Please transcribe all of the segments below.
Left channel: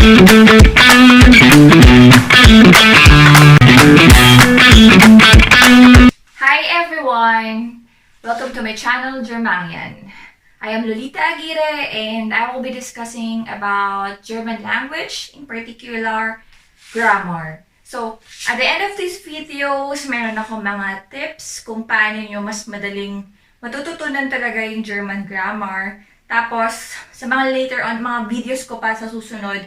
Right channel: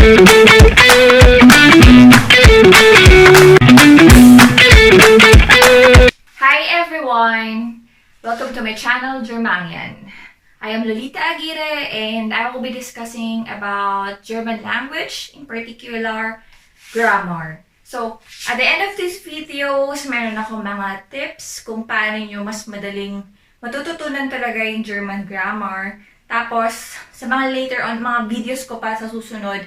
Hi everyone! Welcome to my channel, GerMangyan. I am Lolita Aguirre and I will be discussing about German language, in particular, grammar. So, at the end of these videos, meron ako mga tips kung paano nyo mas madaling matututunan talaga yung German grammar. Tapos, sa mga later on, mga videos ko pa sa susunod,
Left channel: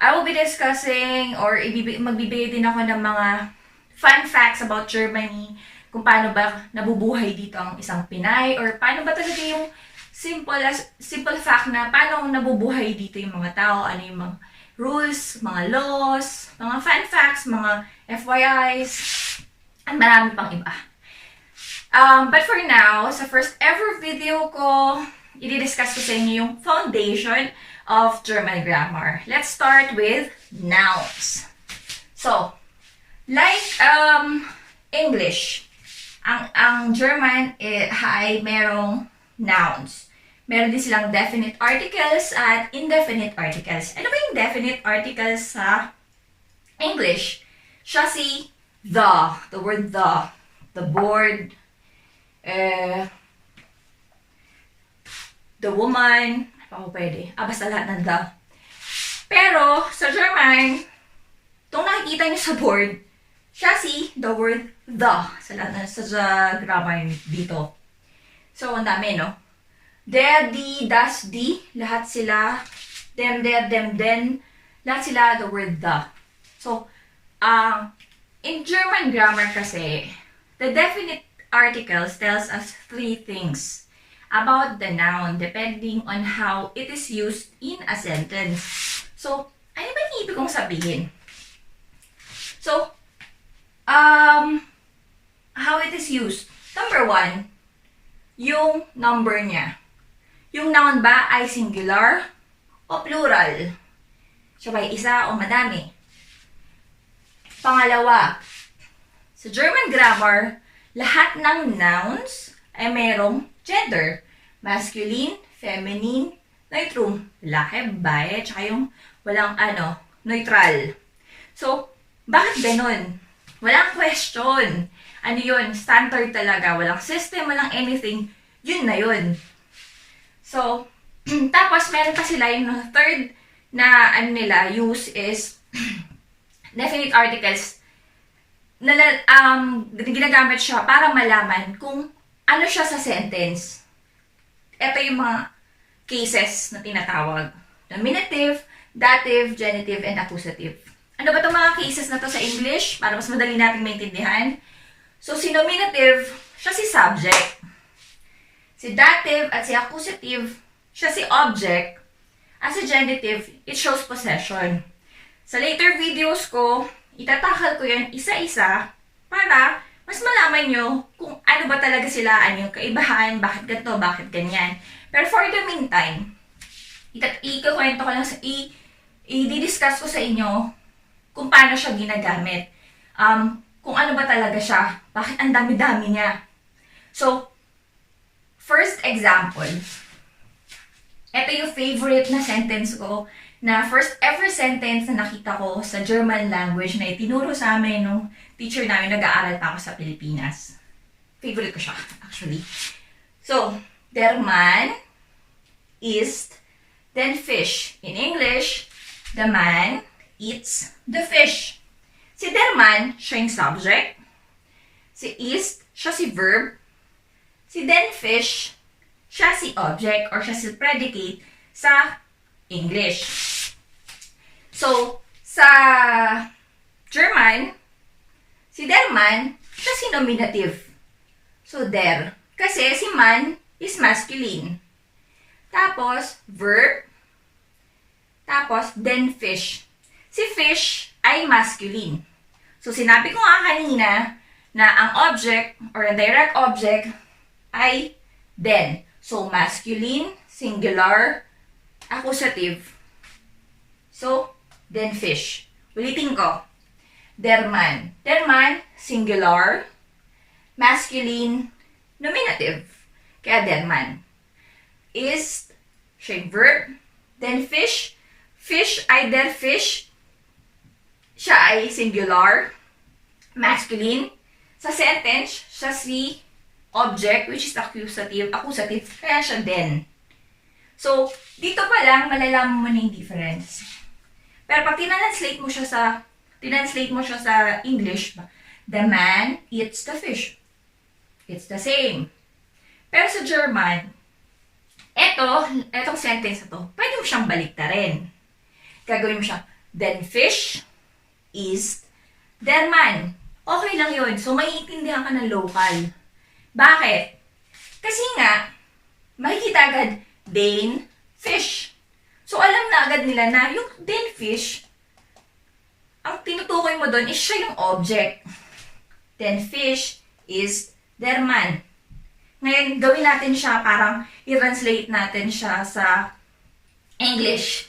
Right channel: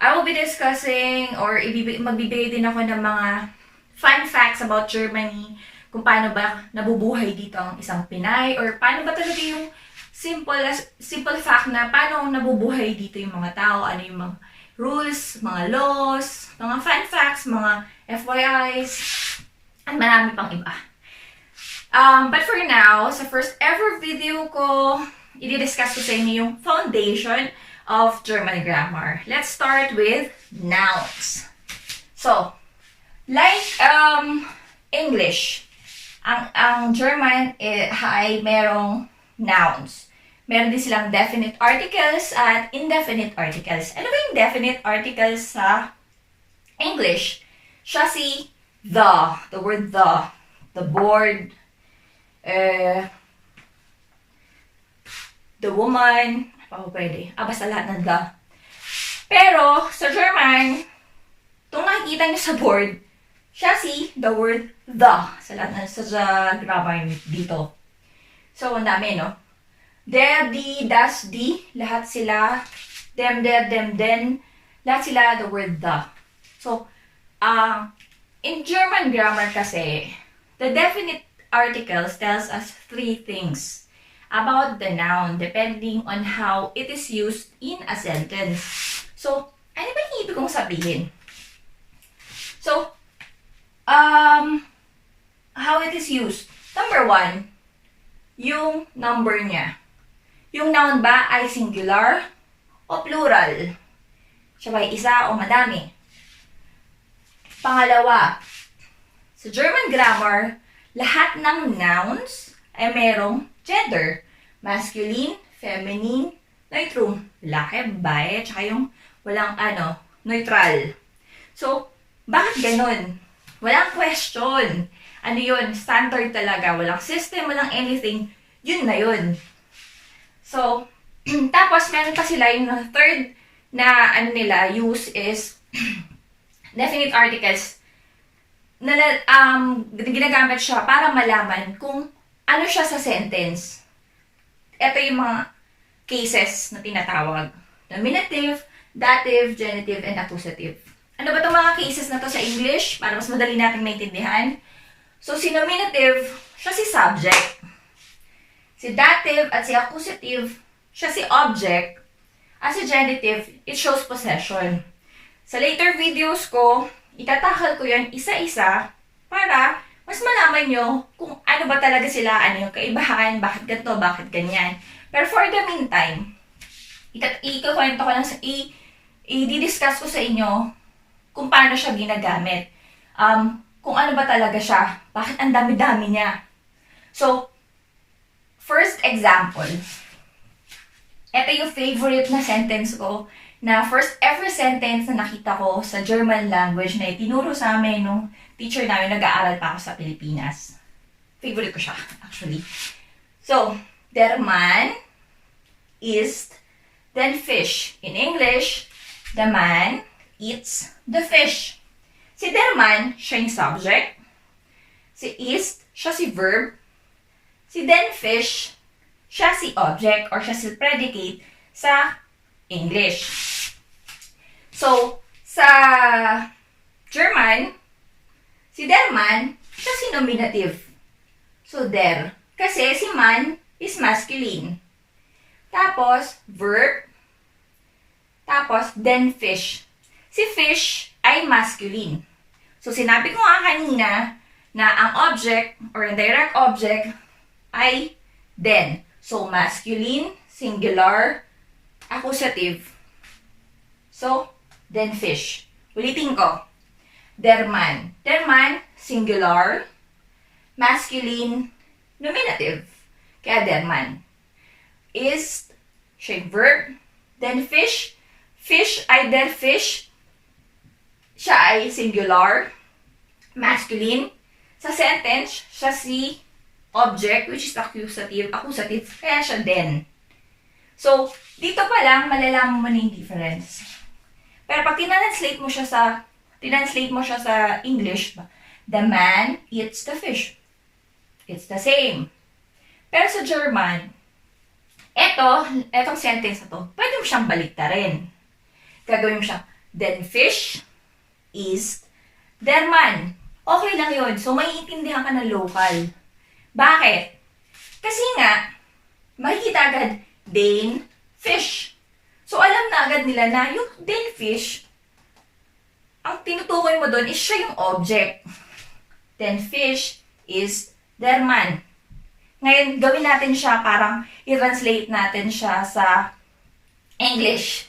I will be discussing or magbibigay din ako ng mga fun facts about Germany, kung paano ba nabubuhay dito ang isang Pinay, or paano ba talaga yung simple fact na paano nabubuhay dito yung mga tao, ano yung mga rules, mga laws, mga fun facts, mga FYIs, at marami pang iba. But for now, sa first ever video ko, i-discuss ko sa inyo yung foundation of German grammar. Let's start with nouns. So, like English, ang German ay merong nouns. Meron din silang definite articles at indefinite articles. Ano ba yung definite articles sa English? Siya si the word the board, the woman, pwede. Basta lahat ng the. Pero, sa German, itong nakikita niyo sa board, siya si the word the. Sa lahat sa grammar dito. So, ang dami, no? Der, die, das, die, lahat sila. Them, der, them, den, lahat sila the word the. So, in German grammar kasi, the definite articles tells us three things about the noun, depending on how it is used in a sentence. So, ano ba yung ibig kong sabihin? So, how it is used. Number one, yung number niya. Yung noun ba ay singular o plural? Siya ba ay isa o madami? Pangalawa, sa German grammar, lahat ng nouns ay merong gender. Masculine, feminine, neutrum. Lalaki, babae, tsaka yung walang neutral. So, bakit ganun? Walang question. Ano yun? Standard talaga. Walang system, walang anything. Yun na yun. So, tapos meron pa sila yung third na use is definite articles na ginagamit siya para malaman kung ano siya sa sentence. Ito yung mga cases na tinatawag. Nominative, dative, genitive, and accusative. Ano ba itong mga cases na to sa English? Para mas madali natin maintindihan. So, si nominative, siya si subject. Si dative at si accusative, siya si object. At si genitive, it shows possession. Sa later videos ko, itatakal ko yan isa-isa para mas malaman nyo kung ano ba talaga sila, ano yung kaibahan, bakit ganito, bakit ganyan. Pero for the meantime, ikakwento ko lang i-discuss ko sa inyo kung paano siya ginagamit. Kung ano ba talaga siya, bakit ang dami-dami niya. So, first example, ito yung favorite na sentence ko, na first ever sentence na nakita ko sa German language na itinuro sa amin nung teacher namin, nag-aaral pa ako sa Pilipinas. Favorite ko siya, actually. So, der man isst den Fisch. In English, the man eats the fish. Si der man, siya yung subject. Si isst, siya si verb. Si den Fisch, siya si object or siya si predicate sa English. So, sa German, si der man, siya si nominative. So, der. Kasi si man is masculine. Tapos, verb. Tapos, den Fisch. Si fish ay masculine. So, sinabi ko nga kanina na ang object or indirect object ay den. So, masculine, singular, accusative. So, den Fisch. Ulitin ko. Der man. Der man, singular, masculine, nominative. Kaya der man. Is, siya verb. Den Fisch, Fish, either fish, siya ay singular, masculine. Sa sentence, siya si object, which is accusative, kaya siya then. So, dito pa lang, malalaman mo na yung difference. Pero pag tinanslate mo siya sa English, the man eats the fish. It's the same. Pero sa German, etong sentence na to, pwede mo siyang baliktarin. Gagawin mo siya, then fish is der man. Okay lang yun. So, maiintindihan ka ng local. Bakit? Kasi nga, makikita agad, then fish. So, alam na agad nila na yung then fish, ang tinutukoy mo doon is siya yung object. Then fish is der man. Ngayon, gawin natin siya, parang i-translate natin siya sa English.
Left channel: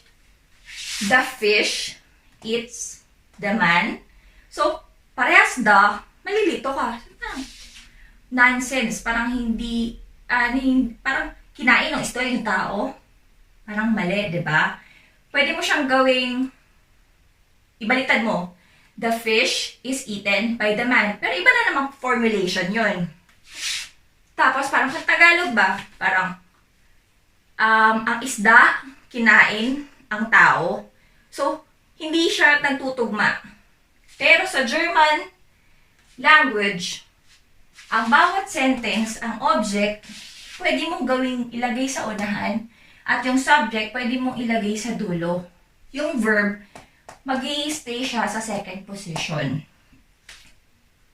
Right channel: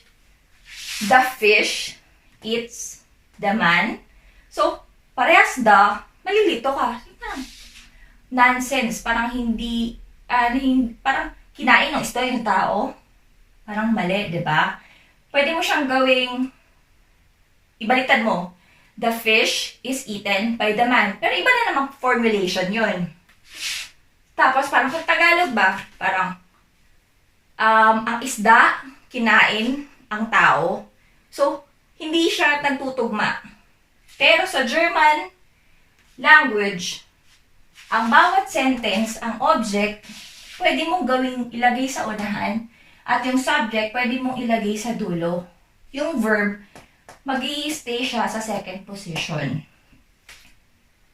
The fish eats the man. So, parehas malilito ka. Nonsense. Parang parang kinain ng isda yung tao. Parang mali, di ba? Pwede mo siyang gawing, ibaliktad mo, the fish is eaten by the man. Pero iba na namang formulation yun. Tapos, parang sa Tagalog ba? Parang, ang isda, kinain ang tao. So, hindi siya nagtutugma. Pero sa German language, ang bawat sentence, ang object, pwede mong gawing ilagay sa unahan, at yung subject, pwede mong ilagay sa dulo. Yung verb, mag-i-stay siya sa second position.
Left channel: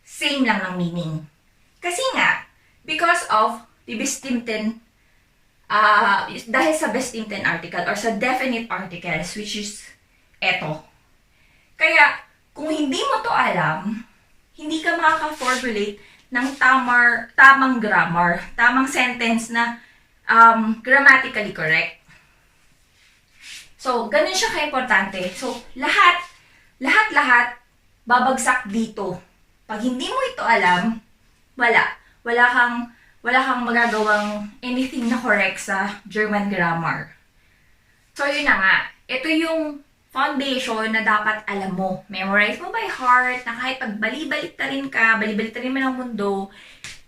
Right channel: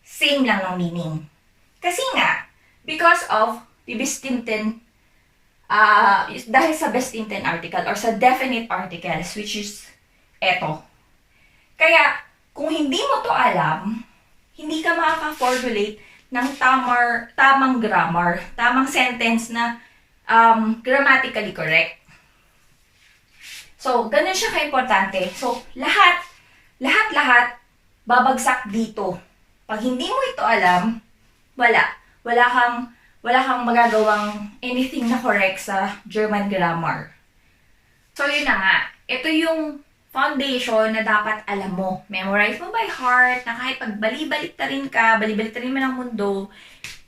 Same lang ng meaning. Kasi nga, because of the bestimmten, dahil sa bestimmten article or sa definite articles, which is eto. Kaya, kung hindi mo to alam, hindi ka makaka-formulate ng tamang grammar, tamang sentence na grammatically correct. So, ganun siya ka-importante. So, lahat, babagsak dito. Pag hindi mo ito alam, wala kang magagawang anything na correct sa German grammar. So, yun na nga. Ito yung foundation na dapat alam mo. Memorize mo by heart, na kahit pag bali-balitarin mo ng mundo,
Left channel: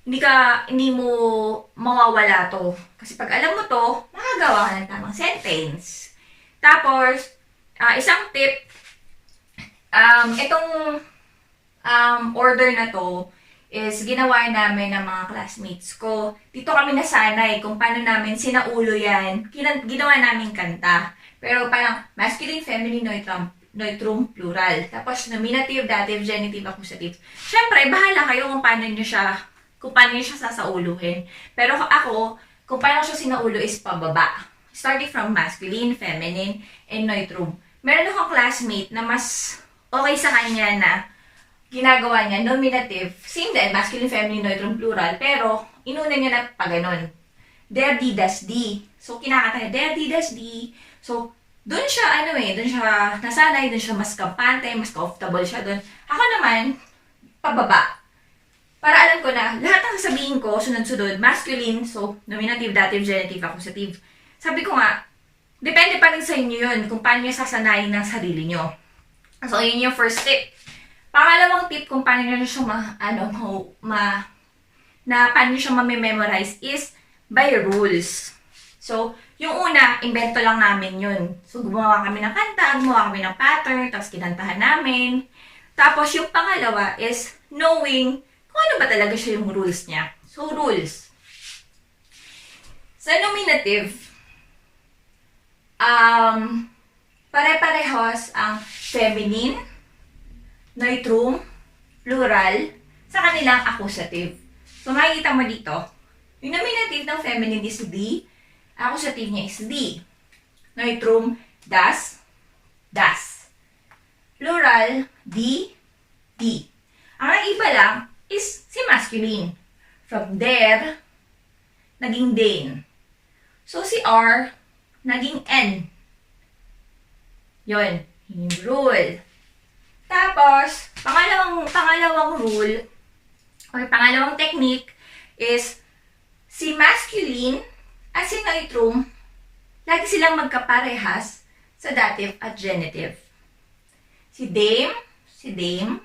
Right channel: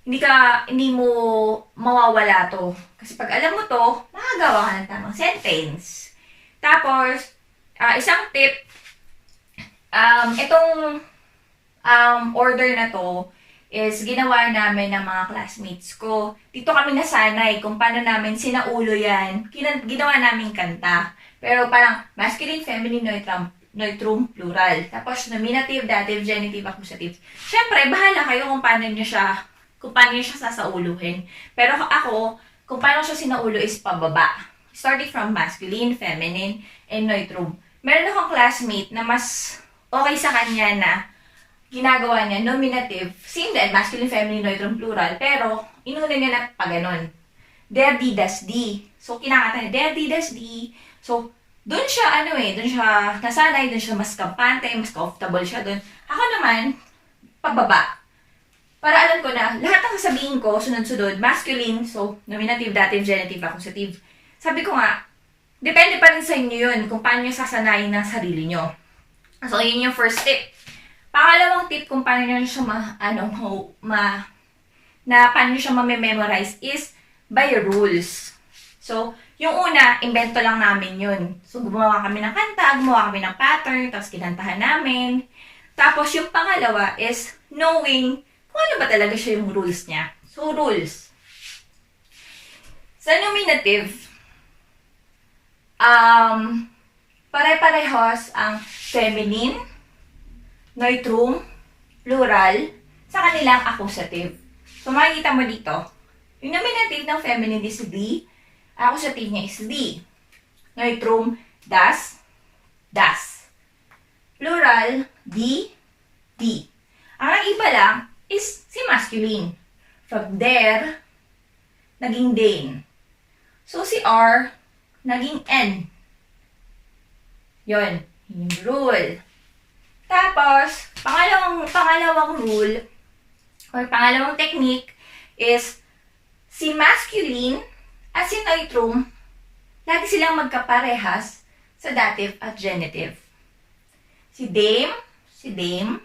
hindi mo mawawala to. Kasi pag alam mo to, makagawa ka ng tamang sentence. Tapos, isang tip, itong order na to, is ginawa namin ng mga classmates ko. Dito kami nasanay kung paano namin sinaulo yan. Ginawa namin kanta. Pero parang masculine, feminine, neutrum, plural. Tapos nominative, dative, genitive, accusative. Siyempre, bahala kayo kung paano nyo siya sasauluhin. Pero ako, kung paano siya sinaulo is pababa. Starting from masculine, feminine, and neutrum. Meron akong classmate na mas okay sa kanya na ginagawa niya, nominative, same din, masculine, feminine, neutrum, plural, pero inuna niya na pa ganon. Der, die, das, die. So, kinakata niya, der, die, das, die. So, doon siya, nasanay, doon siya mas kampante, mas comfortable siya doon. Ako naman, pababa. Para alam ko na, lahat ng sasabihin ko, sunod-sunod, masculine, so, nominative, dative, genitive, accusative. Sabi ko nga, depende pa rin sa inyo yun, kung paano nyo sasanayin ng sarili nyo. So, yun yung first tip. Pangalawang tip kung paano nyo siya paano nyo siya ma-memorize is by rules. So, yung una, invento lang namin yun. So, gumawa kami ng kanta, gumawa kami ng pattern, tapos kinantahan namin. Tapos, yung pangalawa is knowing kung ano ba talaga siya yung rules niya. So, rules. Sa nominative, pare-parehos ang feminine, neutrum, plural, sa kanilang accusative. So, makikita mo dito, yung nominative ng feminine is the, accusative niya is the. Neutrum, das. Plural, di. Ang iba lang is si masculine. From there, naging den. So, si R, naging N. Yon, yung rule. Tapos, pangalawang rule, or pangalawang technique, is si masculine at si neutrum, lagi silang magkaparehas sa dative at genitive. Si dame, si dame,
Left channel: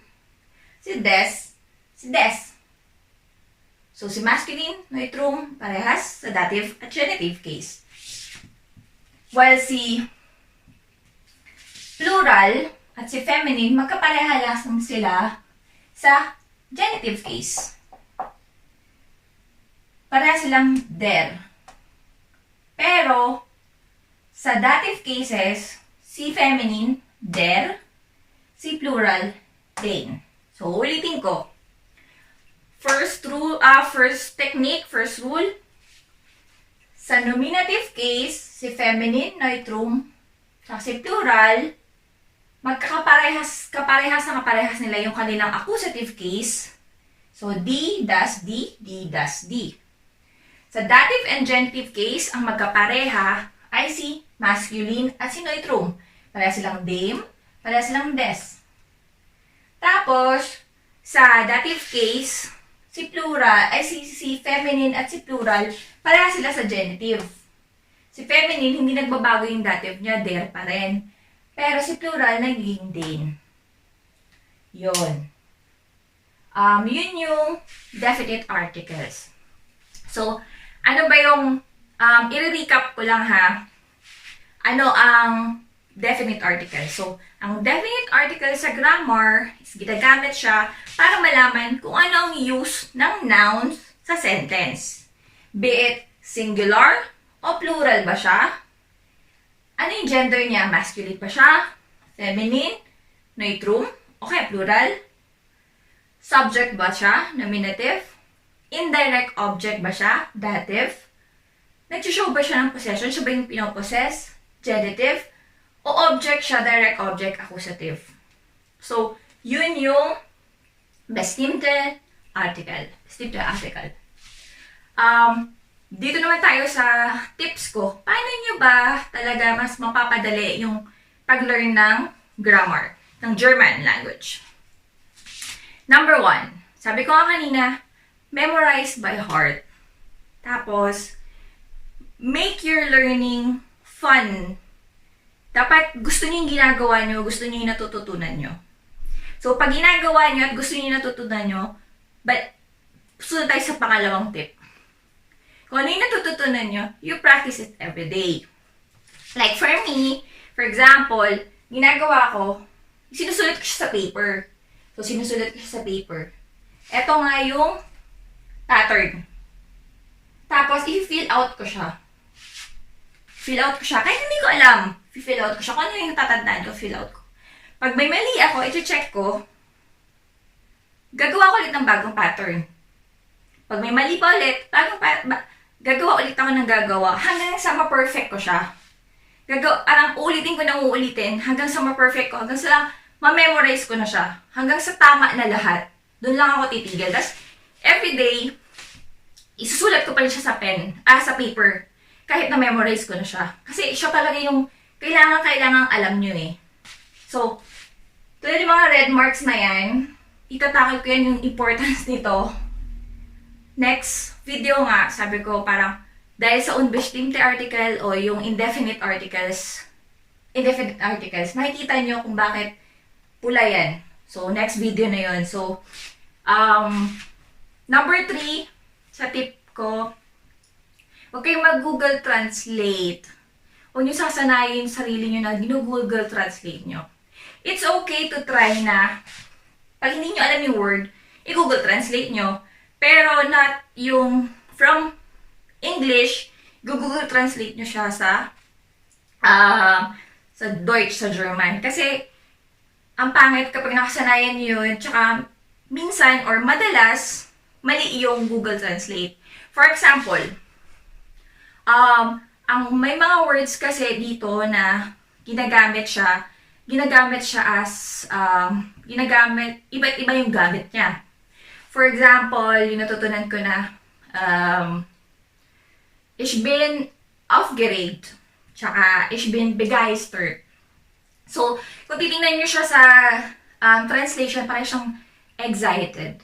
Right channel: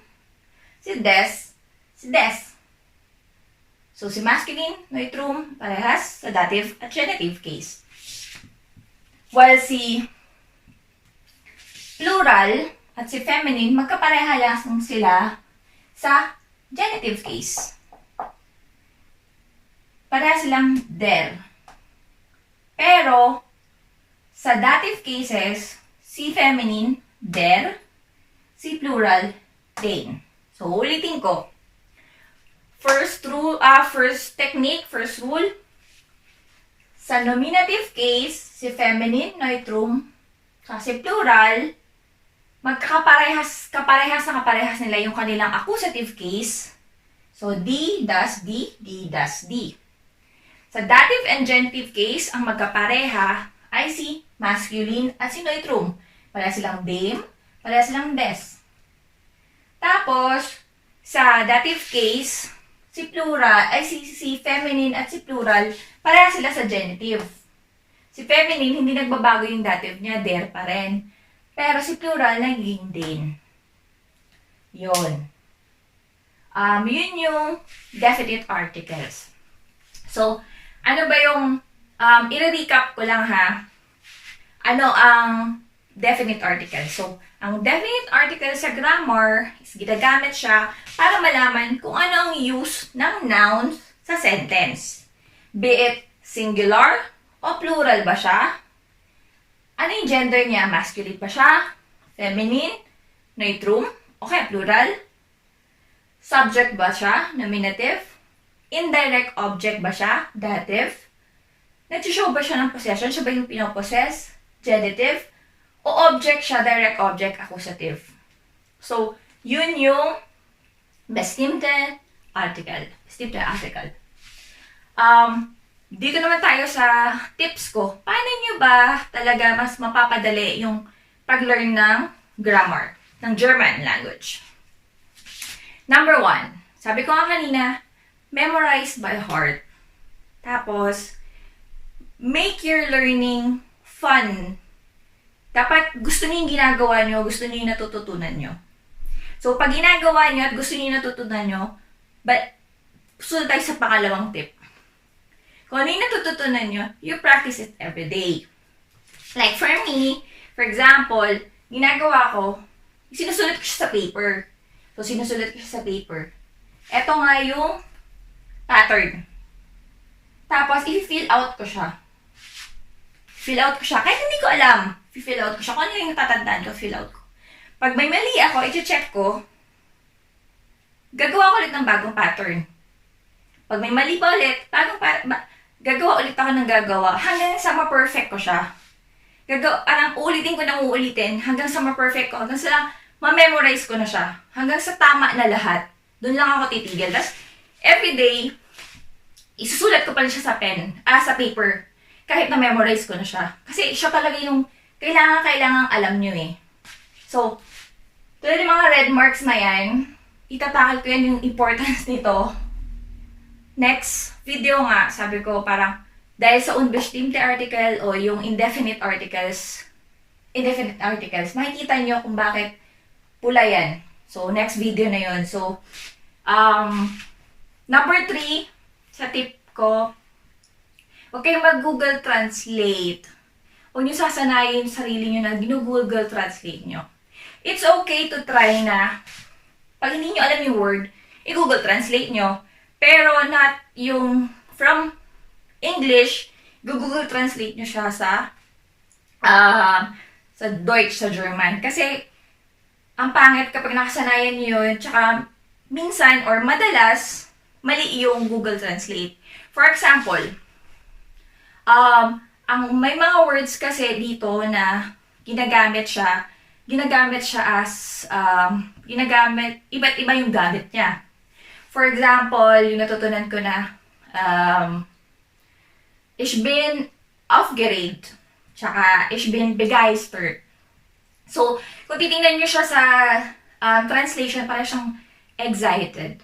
si des. So, si masculine, neutrum, parehas sa dative at genitive case. While si plural at si feminine, magkapareha lang sila sa genitive case. Pareha silang der. Pero, sa dative cases, si feminine, der, si plural, dane. So, ulitin ko. First technique, first rule. Sa nominative case, si feminine, neutrum, si plural, kaparehas nila yung kanilang accusative case. So, D does D, D does D. Sa dative and genitive case, ang magkapareha ay si masculine at si neutrum. Pareha silang dame, pareha silang des. Tapos, sa dative case, si plural, ay si feminine at si plural, pareha sila sa genitive. Si feminine, hindi nagbabago yung dative niya, der pa rin. Pero si plural, nagiging dane. Yun. Yun yung definite articles. So, ano ba yung, i-recap ko lang ha, ano ang definite article. So, ang definite article sa grammar is ginagamit siya para malaman kung ano ang use ng nouns sa sentence. Be it singular o plural ba siya? Ano yung gender niya? Masculine ba siya? Feminine? Neutrum? Okay, plural? Subject ba siya? Nominative? Indirect object ba siya? Dative? Nag-show ba siya ng possession? Siya ba yung pinopossess? Genitive? O object siya? Direct object? Accusative? So, yun yung bestimmten article. Bestimmten article. Dito naman tayo sa tips ko. Paano nyo ba talaga mas mapapadali yung pag-learn ng grammar, ng German language? Number 1, sabi ko nga kanina, memorize by heart. Tapos, make your learning fun. Dapat gusto niyo yung ginagawa nyo, gusto niyo yung natututunan nyo. So, pag ginagawa nyo at gusto niyo yung natutunan nyo, sunod tayo sa pangalawang tip. Kung ano yung natututunan nyo, you practice it every day. Like for me, for example, ginagawa ko, sinusulat ko siya sa paper. So, sinusulat ko siya sa paper. Ito nga yung pattern. Tapos, i-fill out ko siya. Fill out ko siya. Kahit hindi ko alam, i-fill out ko siya. Kung ano yung natatandaan ko, fill out ko. Pag may mali ako, i-check ko, gagawa ko ulit ng bagong pattern. Pag may mali pa ulit, gagawa ulit ako ng gagawa hanggang sa ma-perfect ko siya. Parang uulitin ko na uulitin hanggang sa ma-perfect ko, hanggang sa ma-memorize ko na siya. Hanggang sa tama na lahat. Doon lang ako titigil. Tapos, everyday, isusulat ko pa rin siya sa paper. Kahit na-memorize ko na siya. Kasi siya talaga yung kailangan alam nyo eh. So, tulad yung mga red marks na yan, itatakal ko yan yung importance nito. Next video nga, sabi ko parang dahil sa unbestimmte article o yung indefinite articles, makikita nyo kung bakit pula yan. So, next video na yon. So, number 3, sa tip ko, huwag kayong mag-Google Translate. Huwag nyo sasanayin sarili nyo na ginu-Google Translate nyo. It's okay to try na, pag hindi nyo alam yung word, i-Google Translate nyo. Pero not yung from English, Google Translate nyo siya sa Deutsch, sa German. Kasi, ang pangit kapag nakasanayan nyo yun, tsaka minsan or madalas, mali yung Google Translate. For example, ang may mga words kasi dito na ginagamit siya as, iba't iba yung gamit niya. For example, yung natutunan ko na, ich bin aufgeregt, tsaka ich bin begeistert. So, kung titingnan nyo siya sa translation, parang siyang excited.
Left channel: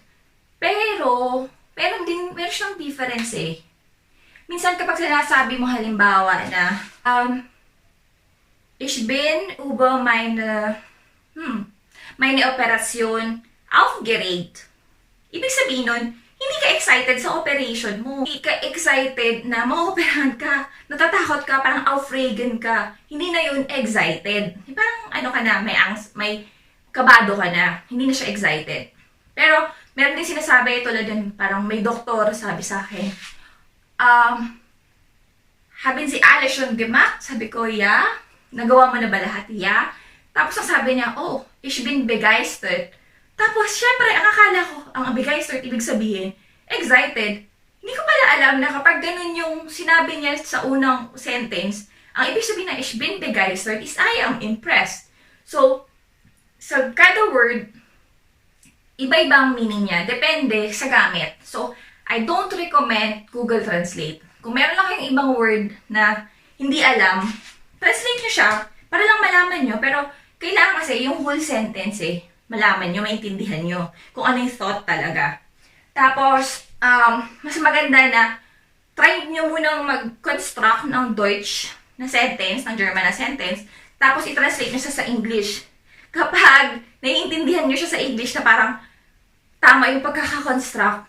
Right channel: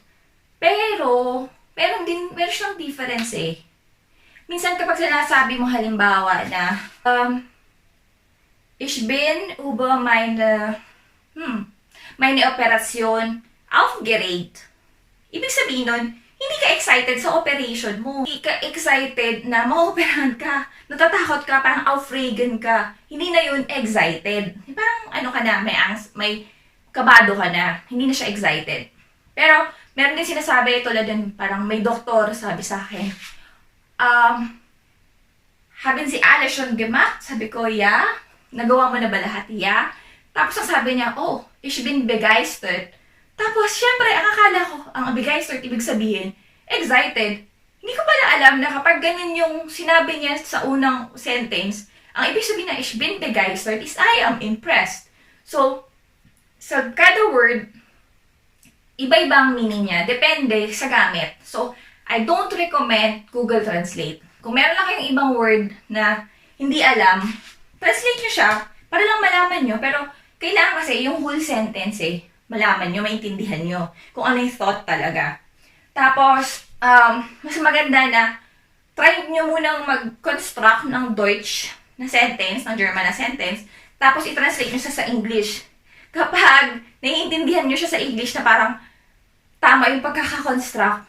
Pero meron siyang difference eh. Minsan kapag sinasabi mo halimbawa na, Ich bin über meine Operation aufgeregt. Ibig sabihin nun, hindi ka excited sa operation mo. Hindi ka excited na maoperahan ka. Natatakot ka, parang aufregen ka. Hindi na yun excited. Parang ano ka na, may kabado ka na. Hindi na siya excited. Pero, meron din sinasabi, tulad din, parang may doktor sabi sa akin, haben Sie alles schon gemacht? Sabi ko, yeah. Nagawa mo na ba lahat? Yeah. Tapos ang sabi niya, oh, ich bin begeistert. Tapos, syempre, ang akala ko, ang begeistert, ibig sabihin, excited. Hindi ko pala alam na kapag ganun yung sinabi niya sa unang sentence, ang ibig sabihin na ich bin begeistert is I am impressed. So, sa kada word, iba-iba ang meaning niya. Depende sa gamit. So, I don't recommend Google Translate. Kung meron lang kayong ibang word na hindi alam, translate nyo siya para lang malaman nyo. Pero, kailangan kasi yung whole sentence malaman nyo, maintindihan nyo kung ano yung thought talaga. Tapos, mas maganda na try nyo munang mag-construct ng Deutsch na sentence, ng German na sentence, tapos i-translate nyo sa English. Kapag naiintindihan nyo siya sa English na parang tama yung pagkakakonstruct,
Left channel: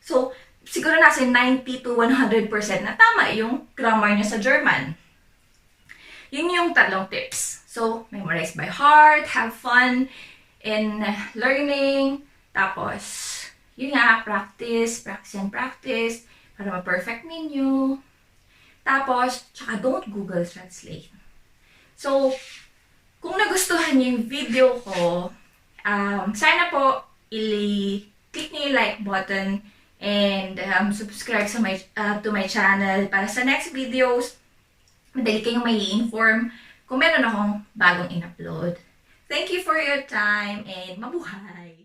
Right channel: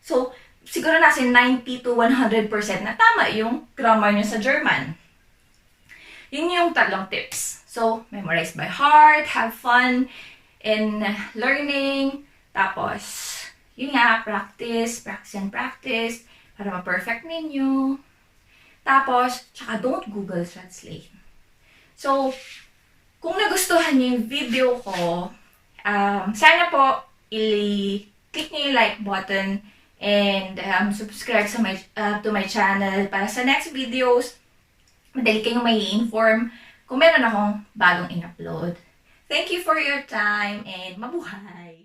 so, siguro nasa 90 to 100% na tama yung grammar nyo sa German. Yun yung 3 tips. So, memorize by heart, have fun in learning, tapos, yun nga, practice and practice, para ma-perfect ninyo. Tapos, tsaka don't Google Translate. So, kung nagustuhan niyo yung video ko, sana po, click niyo yung like button and subscribe to my channel para sa next videos, madali kayong may inform kung meron akong bagong in-upload. Thank you for your time and mabuhay!